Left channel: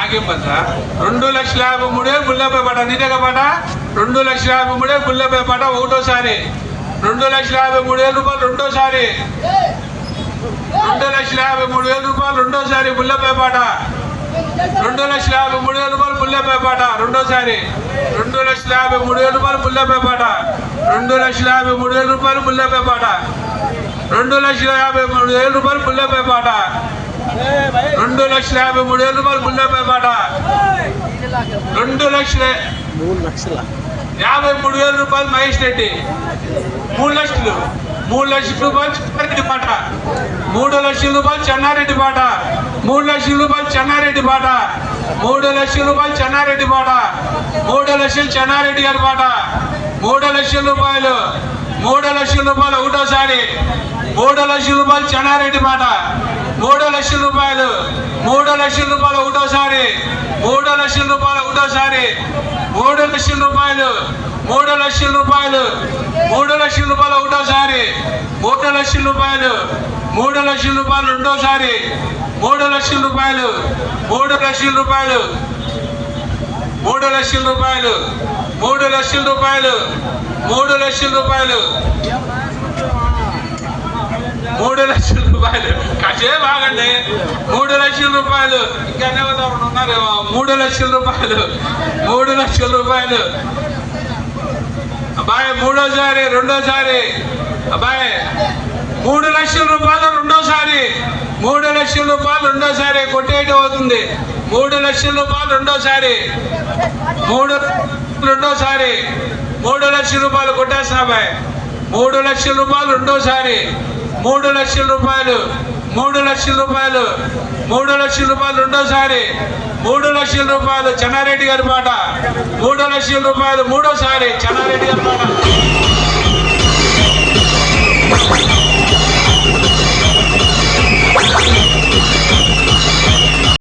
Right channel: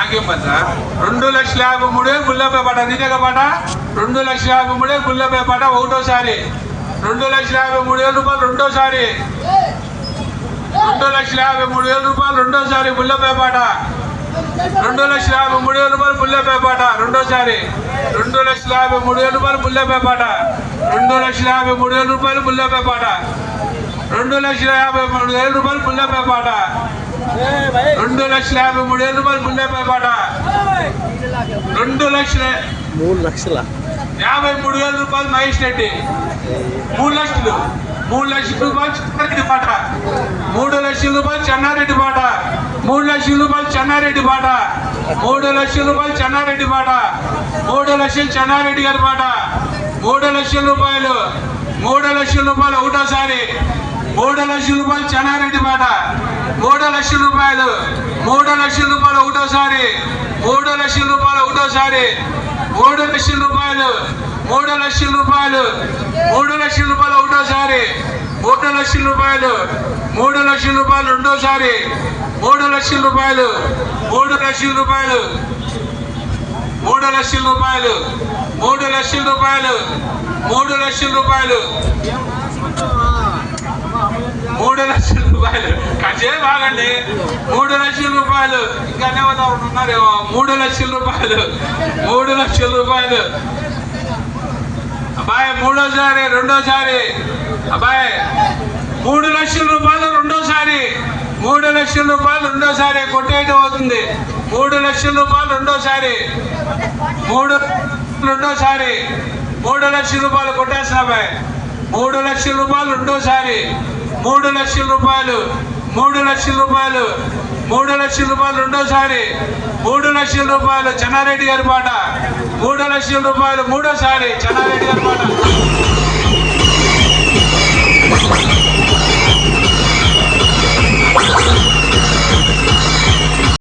ఆగేం పద 2,53,000 గుళ్ళపై పాట నీదేగా పాట 2,53,000 గుళ్ళపై పాట ఒకటోసారి 2,53,000 రూపాయలు రెండోసారి 2,53,000 రూపాయలు రెండోసారి గుళ్ళపై పాట 2,53,000 రూపాయలు గుళ్ళపై పాట రెండోసారి 2,53,000 రూపాయలు గుళ్ళపై పాట 2,53,000 రూపాయలు గుళ్ళపై పాట 2,53,000 రూపాయలు గుళ్ళపై పాట 2,53,000 రూపాయలు గుళ్ళపై పాట 2,53,000 రూపాయలు మహేష్ రెడ్డి 3 లక్షలు 3 లక్షల రూపాయలు చెన్నారెడ్డి పాట 3 లక్షల రూపాయలు చెన్నారెడ్డి పాట 3 లక్షల రూపాయలు చెన్నారెడ్డి పాట 3 లక్షల రూపాయలు చెన్నారెడ్డి పాట 3 లక్షలు చెన్నారెడ్డి గారి పాట 3 లక్షల రూపాయలు 3 లక్షల రూపాయలు ఒకటోసారి 3 లక్షల రూపాయలు చెన్నారెడ్డి పాట 3 లక్షల రూపాయలు 3 లక్షల రూపాయలు ఒకటోసారి 3 లక్షల రూపాయలు ఒకటోసారి 3 లక్షల రూపాయలు 3 లక్షల రూపాయలు 3 లక్షల రూపాయలు ఒకటోసారి 3 లక్షల రూపాయలు 3 లక్షల రూపాయలు రెండోసారి 3 లక్షల రూపాయలు 3 లక్షల రూపాయలు 3 లక్షల రూపాయలు 3 లక్షల రూపాయలు 3 లక్షల రూపాయలు 3 లక్షల రూపాయలు కాసేపు ఆగండి 3 లక్షల రూపాయలు ఇంకా ఎవరు ఉన్నారేమో 3 లక్షల రూపాయలు 3 లక్షల రూపాయలు అబ్బాయి మూడోసారి రెండోసారి అబ్బాయి 3 లక్షల రూపాయలు రెండోసారి 3 లక్షల రూపాయలు రెండోసారి కొట్టేయటం అవుతుంది 3 లక్షల రూపాయలు రెండోసారి 3 రెండోసారి 3 లక్షల రూపాయలు కొట్టేస్తా అబ్బాయి 3 లక్షల రూపాయలు రెండోసారి 3 లక్షల రూపాయలు 3 లక్షల రూపాయలు 3 లక్షల రూపాయలు రెండోసారి 3 లక్షల రూపాయలు చెన్నారెడ్డి గారి పాట 3 లక్షల రూపాయలు మూడోసారి చెన్నారెడ్డి గారి పాట